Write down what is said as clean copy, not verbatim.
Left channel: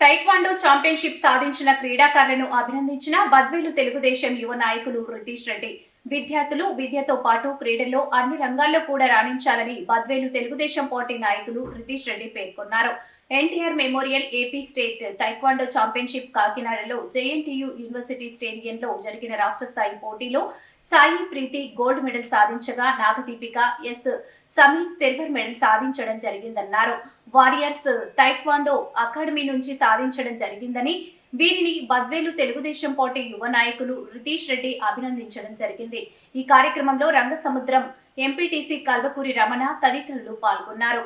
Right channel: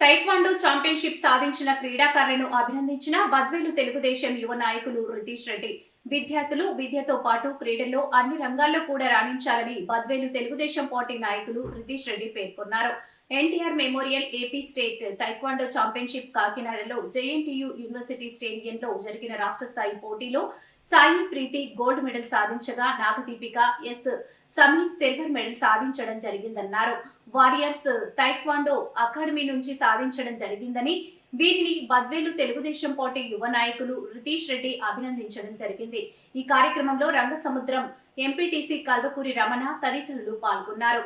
Taekwondo championship సాధించిన క్రీడాకారులను అభినందించిన బద్వేలు తెలుగుదేశం యువ నాయకులు రితీష్ రెడ్డి. విద్యార్థులు విద్యతో పాటు క్రీడల్లో అన్ని రంగాల్లో కూడా రాణించాలని బద్వేలు తెలుగుదేశం పార్టీ నాయకులు రితీష్ రెడ్డి పేర్కొన్నారు. NTR memorial AP state taekwondo championship కాకినాడలో జేఎన్టీయూ యూనివర్సిటీ స్టేడియంలో జరిగిన రాష్ట్ర స్థాయి పోటీలో సాయి ప్రీతి గోల్డ్ మెడల్ సాధించగా Nagadeepika S Sameer silver medal సాధించడం జరిగిందన్నారు. వారియర్స్ తైక్వాండో అకాడమీ నుంచి సాధించడం జరిగిందని, వీరిని బద్వేలు తెలుగుదేశం పార్టీ యువ నాయకులు రితీష్ రెడ్డి అభినందించడం జరిగింది. ఈ కార్యక్రమంలో రంగసముద్రం ఎంపీటీసీ కల్వకూరి రమణ తదితరులు పాల్గొన్నారు.